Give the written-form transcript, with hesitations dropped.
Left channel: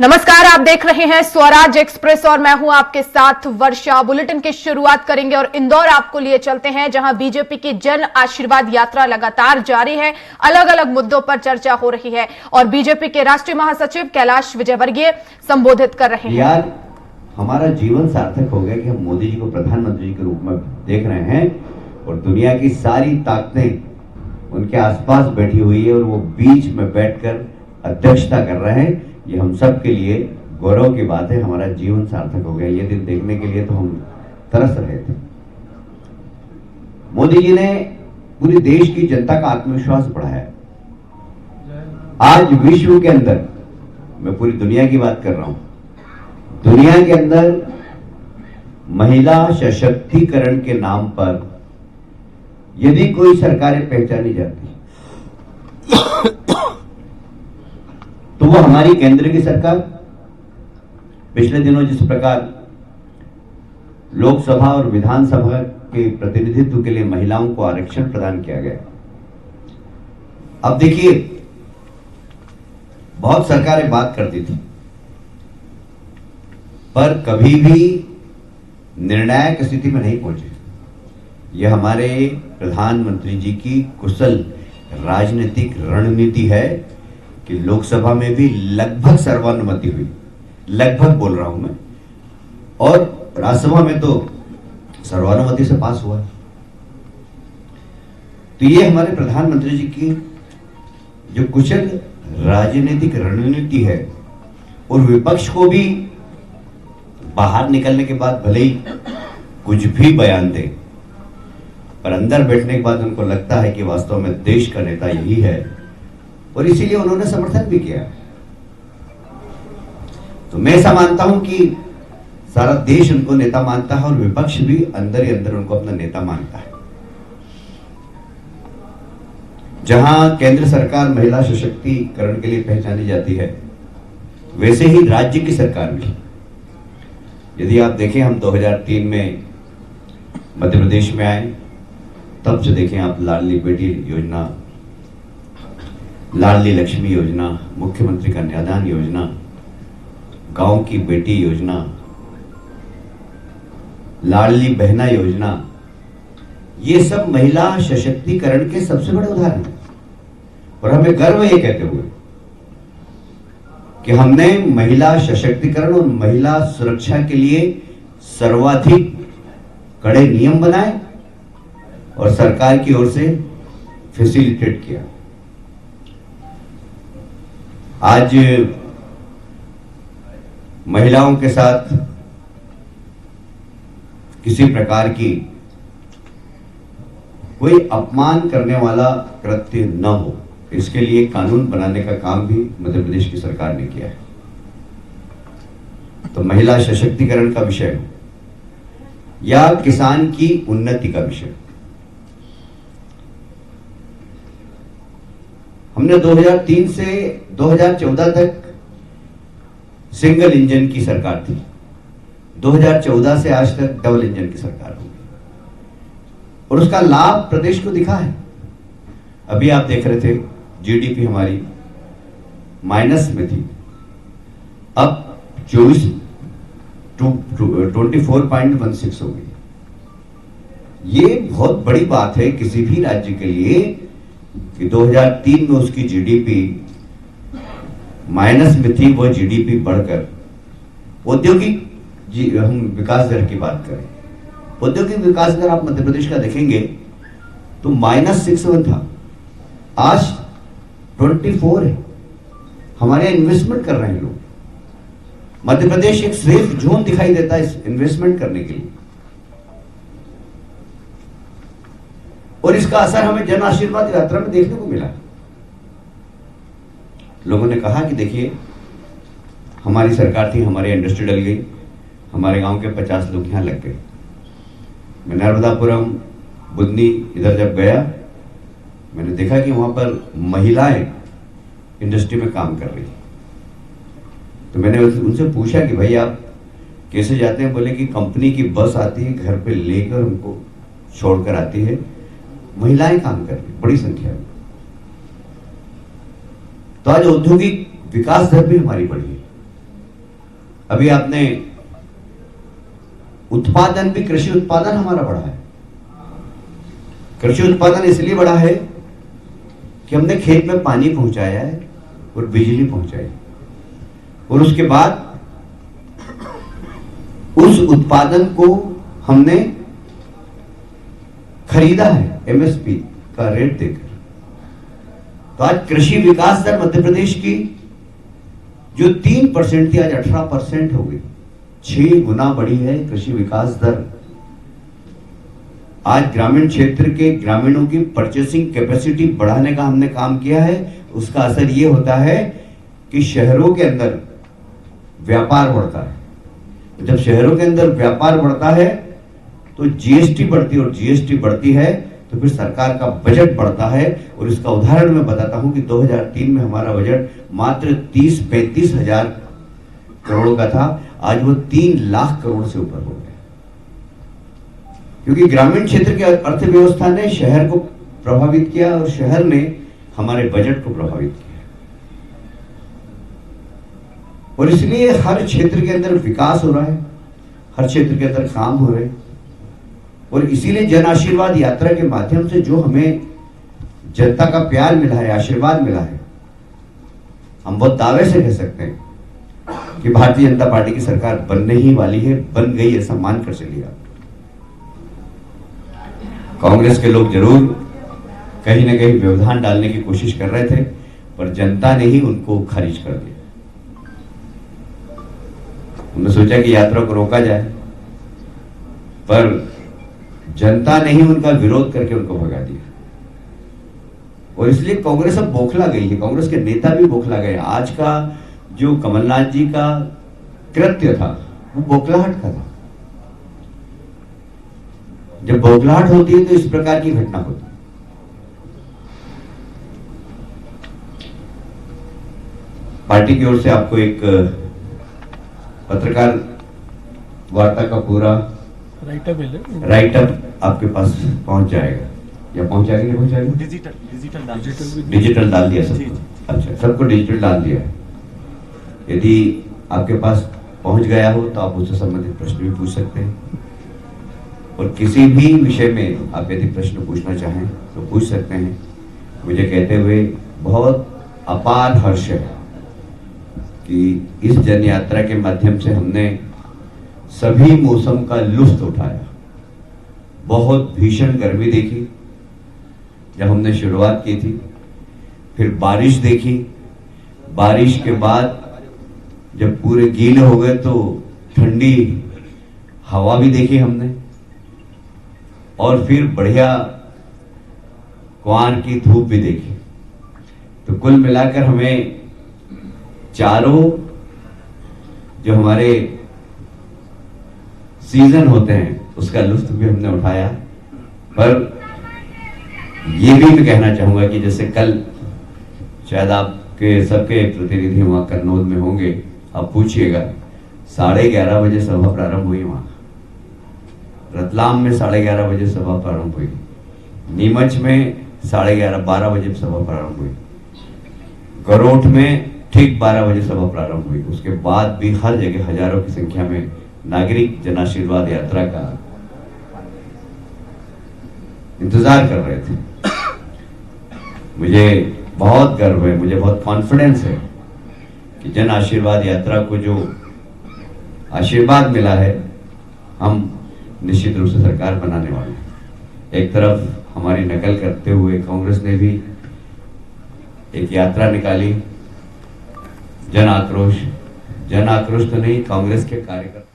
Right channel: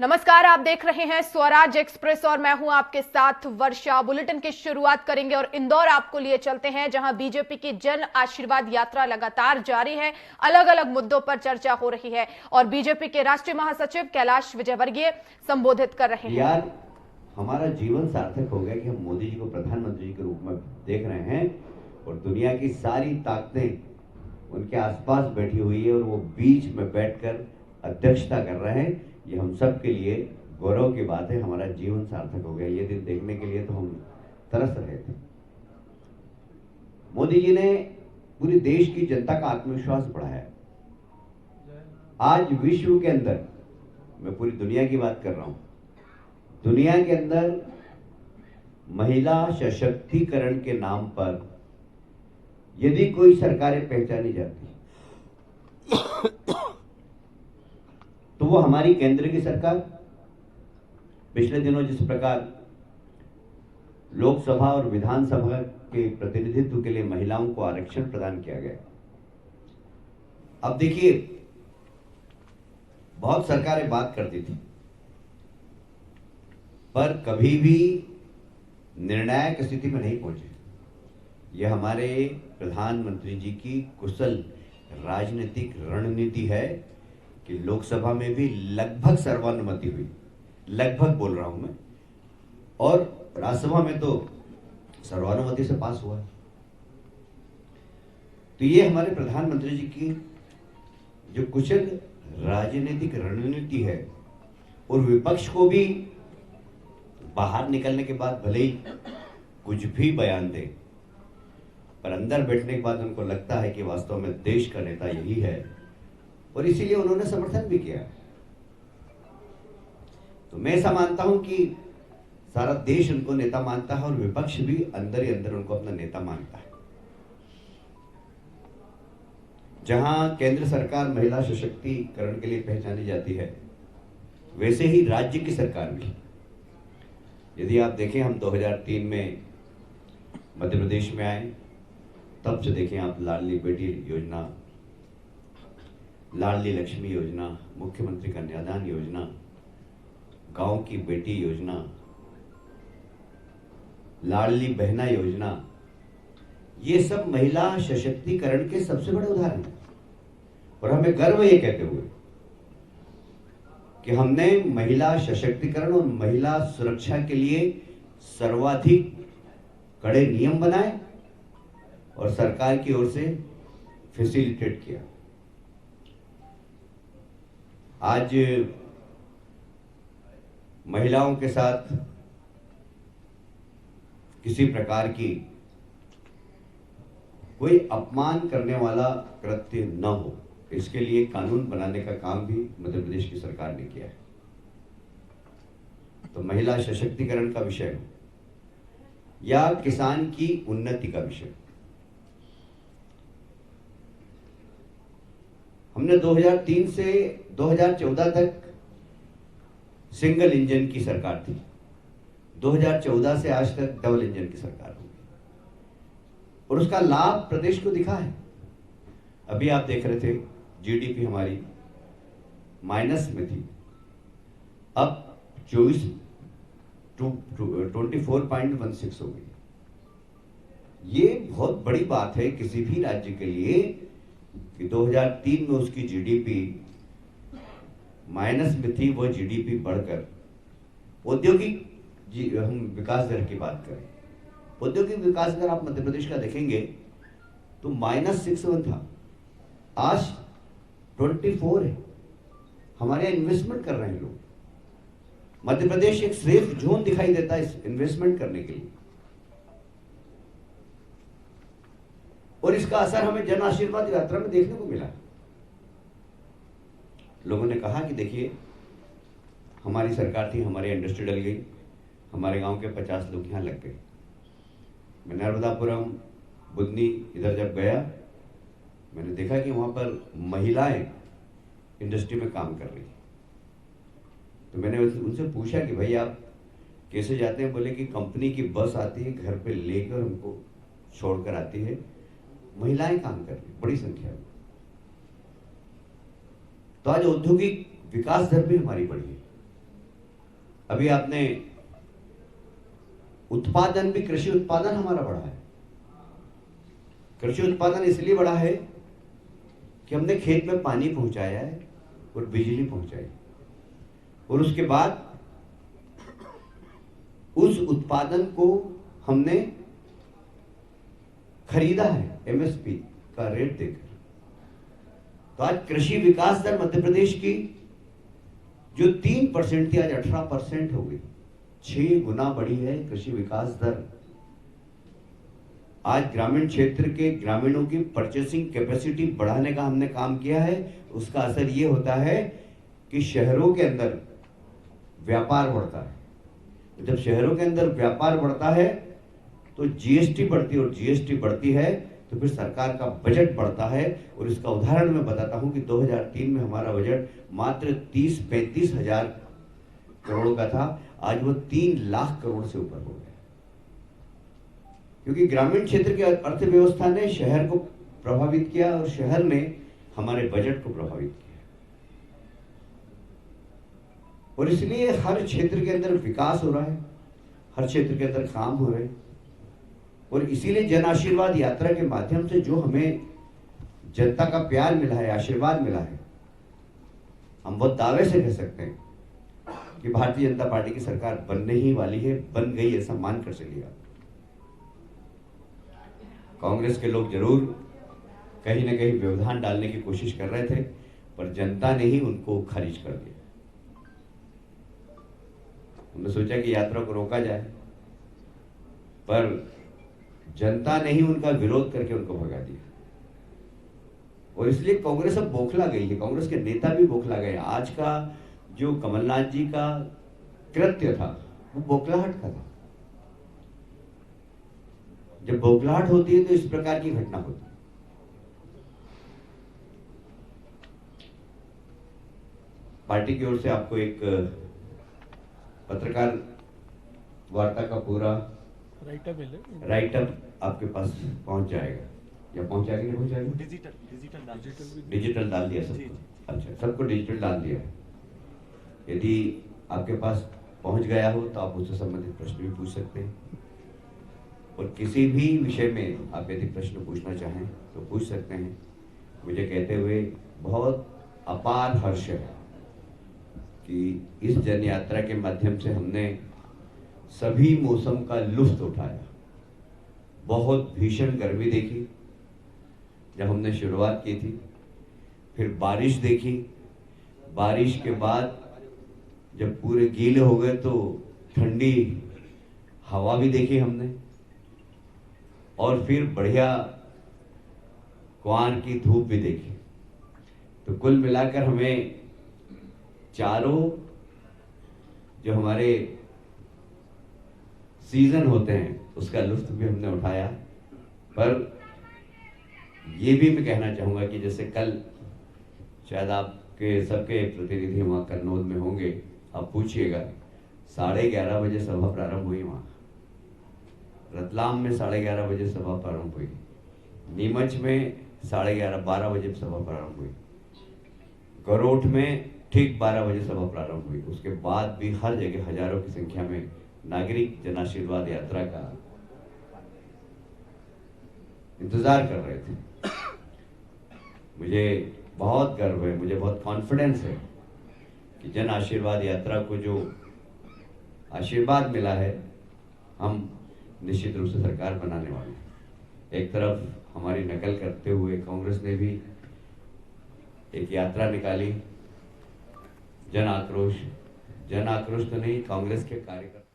नमस्कार, आप देख रहे हैं स्वराज एक्सप्रेस और मैं हूं आपके साथ वर्षा। बुलेटिन की शुरुआत करेंगे और इंदौर आपको लिए चलते हैं, जहां बीजेपी की जन आशीर्वाद यात्रा लगातार जारी है। अलग अलग मुद्दों पर चर्चा हो रही है और बीजेपी के राष्ट्रीय महासचिव कैलाश विजयवर्गीय संबोधित कर रहे हैं। यार, हमारा जीवन सार्थक हो गया कि हम मोदी जी को प्रधानमंत्री के रूप में देख रहे हैं और दुनिया की सारी ताकतें उनके आसपास बैठी हुई है और वो बीच में बैठकर अध्यक्षता कर रहे हैं। ये हम सब के लिए गौरव की बात है। हमारा जीवन सार्थक हो गया। ये दिन देखने के लिए तो हम तरस रहे थे। मोदी जी ने पूरे देश की जनता का आत्मविश्वास बढ़ाया। आज विश्व के अंदर, मैं पूरी दुनिया की बात कर रहा हूं, दुनिया के अंदर महिला सशक्तिकरण के नाम पर यदि कोई सरकारें पहचानी जाती तो वो हमारी केंद्र की सरकार। पिछले दिनों जिस प्रकार लोकसभा और विधानसभा के प्रतिनिधित्व के लिए महिलाओं को आरक्षण प्रदान किया गया, अब देखिए, बहुत सरकारें बात करती थी पर कभी भी निर्णायक स्थिति में नहीं पहुंचे। यह हमारे प्रधानमंत्री जी की कुशल राजनीतिक रणनीति है कि लोकसभा में भी लगभग सर्वानुमति हुई, लगभग बोल रहा हूं मैं, और राज्यसभा में तो सर्वानुमति से पास हुआ। तो ये हमारे प्रधानमंत्री जी की जो कुशल राजनीतिक रणनीति है, और विपक्ष को भी बाहर निकलने के बाद भले ही कुछ भी बयान दे, पर अंदर बैठने के बाद उनको लगता है कि वास्तव में देश का नेता यही है, और इसीलिए उन्होंने समर्थन भी किया। तो मैं ऐसा मानता हूं कि सारा देश उनको नेता मानता है और विपक्ष भी अंदर ही अंदर उनको अपना नेता मानता है। जहां केंद्र सरकार महिला सशक्तिकरण के लिए पहचानी जाती है, वैसे ही राज्य की सरकार भी। यदि आप देखें, हम 2003 में मध्य प्रदेश में आए, तब से देखें आप लाडली बेटी योजना, लाडली लक्ष्मी योजना, मुख्यमंत्री कन्यादान योजना, गांव की बेटी योजना, लाडली बहना योजना, ये सब महिला सशक्तिकरण के सबसे बड़े उदाहरण हैं। और हमें गर्व ये कहते हुए कि हमने महिला सशक्तिकरण और महिला सुरक्षा के लिए सर्वाधिक कड़े नियम बनाए और सरकार की ओर से फैसिलिटेट किया। आज महिलाओं के साथ किसी प्रकार की कोई अपमान करने वाला कृत्य न हो, इसके लिए कानून बनाने का काम भी मध्य प्रदेश की सरकार ने किया है। तो महिला सशक्तिकरण का विषय हो या किसान की उन्नति का विषय, हमने 2003 से 2014 तक सिंगल इंजन की सरकार थी। 2014 से आज तक डबल इंजन की सरकार होगी और उसका लाभ प्रदेश को दिखा है। अभी आप देख रहे थे, जीडीपी हमारी माइनस में थी, अब 24.16 हो गई। ये बहुत बड़ी बात है किसी भी राज्य के लिए कि 2003 में उसकी जीडीपी माइनस में थी, वो जीडीपी बढ़कर औद्योगिक हम विकास दर की बात करें, औद्योगिक विकास दर आप मध्य प्रदेश का देखेंगे तो -61 था, आज 24 है। हमारे इन्वेस्टमेंट कर रहे हैं लोग। मध्य प्रदेश एक सेफ जोन दिखाई देता है इन्वेस्टमेंट करने के लिए, और इसका असर हमें जन आशीर्वाद यात्रा में देखने को मिला। लोगों ने कहा कि देखिए, हमारी सरकार थी, हमारी इंडस्ट्री डल गई, हमारे गांव के 50 लोग यहां लग गए। मैं नर्मदापुरम, बुदनी इधर जब गया, मैंने देखा कि वहां पर महिलाएं इंडस्ट्री में काम कर रही। तो मैंने उनसे पूछा कि भाई आप कैसे जाते हैं? बोले कि कंपनी की बस आती है, घर पे लेकर उनको छोड़कर आती है, महिलाएं काम कर रही बड़ी संख्या में। तो आज औद्योगिक विकास दर भी हमारी बढ़ी है। अभी आपने उत्पादन भी, कृषि उत्पादन हमारा बढ़ा है। कृषि उत्पादन इसलिए बढ़ा है कि हमने खेत में पानी पहुंचाया है और बिजली पहुंचाई, और उसके बाद उस उत्पादन को हमने खरीदा है एमएसपी का रेट देकर। तो आज कृषि विकास दर मध्य प्रदेश की जो 3% थी आज 18% हो गई, 6 गुना बढ़ी है कृषि विकास दर। आज ग्रामीण क्षेत्र के ग्रामीणों की परचेसिंग कैपेसिटी बढ़ाने का हमने काम किया है। उसका असर यह होता है कि शहरों के अंदर व्यापार बढ़ता है। जब शहरों के अंदर व्यापार बढ़ता है तो जीएसटी बढ़ती है, और जीएसटी बढ़ती है तो फिर सरकार का बजट बढ़ता है। और इसका उदाहरण मैं बताता हूं कि 2003 में हमारा बजट मात्र 30-35 हजार करोड़ का था, आज वो 3 लाख करोड़ से ऊपर हो गया, क्योंकि ग्रामीण क्षेत्र की अर्थव्यवस्था ने शहर को प्रभावित किया और शहर ने हमारे बजट को प्रभावित किया। और इसलिए हर क्षेत्र के अंदर विकास हो रहा है, हर क्षेत्र के अंदर काम हो रहे हैं। और इसीलिए जन आशीर्वाद यात्रा के माध्यम से जो हमें जनता का प्यार मिला है, आशीर्वाद मिला है, हम बहुत दावे से कह सकते हैं कि भारतीय जनता पार्टी की सरकार बनने ही वाली है, बन गई, ऐसा मानकर चलिए। कांग्रेस के लोग जरूर कहीं ना कहीं व्यवधान डालने की कोशिश कर रहे थे, पर जनता ने ही उनको खारिज कर दिया। उन्होंने सोचा कि यात्रा को रोका जाए, पर जनता ने ही उनका विरोध करके उनको भगा दिया। और इसलिए कांग्रेस अब बौखला गई है, कांग्रेस के नेता भी बौखला गए। आज का जो कमलनाथ जी का कृत्य था वो बौखलाहट का था। जब बौखलाहट होती है तो इस प्रकार की घटना होती है। पार्टी की ओर से आपको एक पत्रकार वार्ता का पूरा राइटअप आपके पास पहुंच जाएगा, या पहुंचा के नहीं पहुंचाएगा? डिजिटल डाल दिया सबको। अच्छा, सबको डिजिटल डाल दिया है। यदि आपके पास पहुंच गया हो तो आप उससे संबंधित प्रश्न भी पूछ सकते हैं, और किसी भी विषय में आप यदि प्रश्न पूछना चाहें तो पूछ सकते हैं। मुझे कहते हुए बहुत अपार हर्ष है कि इस जन यात्रा के माध्यम से हमने सभी मौसम का लुत्फ उठाया। बहुत भीषण गर्मी देखी जब हमने शुरुआत की थी, फिर बारिश देखी, बारिश के बाद जब पूरे गीले हो गए तो ठंडी हवा भी देखी हमने, और फिर बढ़िया कुआर की धूप भी देखी। तो कुल मिलाकर हमें चारों जो हमारे सीजन होते हैं उसका लुत्फ भी हमने उठाया। पर यह भी मैं कहना चाहूंगा कि जैसे कल शायद आपके सबके प्रतिनिधि वहां कन्नौज में होंगे, आप पूछिएगा 11:30 बजे सभा प्रारंभ हुई, वहां रतलाम में 11:30 बजे सभा प्रारंभ हुई, नीमच में 11:30-12 बजे सभा प्रारंभ हुई, गरोठ में ठीक 12 बजे सभा प्रारंभ हुई। उसके बाद भी हर जगह हजारों की संख्या में नागरिक जन आशीर्वाद यात्रा का इंतजार कर रहे थे। मुझे बहुत गर्व है, मुझे बहुत कॉन्फिडेंस है कि जन आशीर्वाद यात्रा को जो आशीर्वाद मिला है, हम निश्चित रूप से सरकार बनाने वाले हैं। एक तरफ हमारी नकल करते हुए कांग्रेस ने भी एक यात्रा निकाली, जन आक्रोश तो नहीं, कांग्रेस के कार्यकर्ता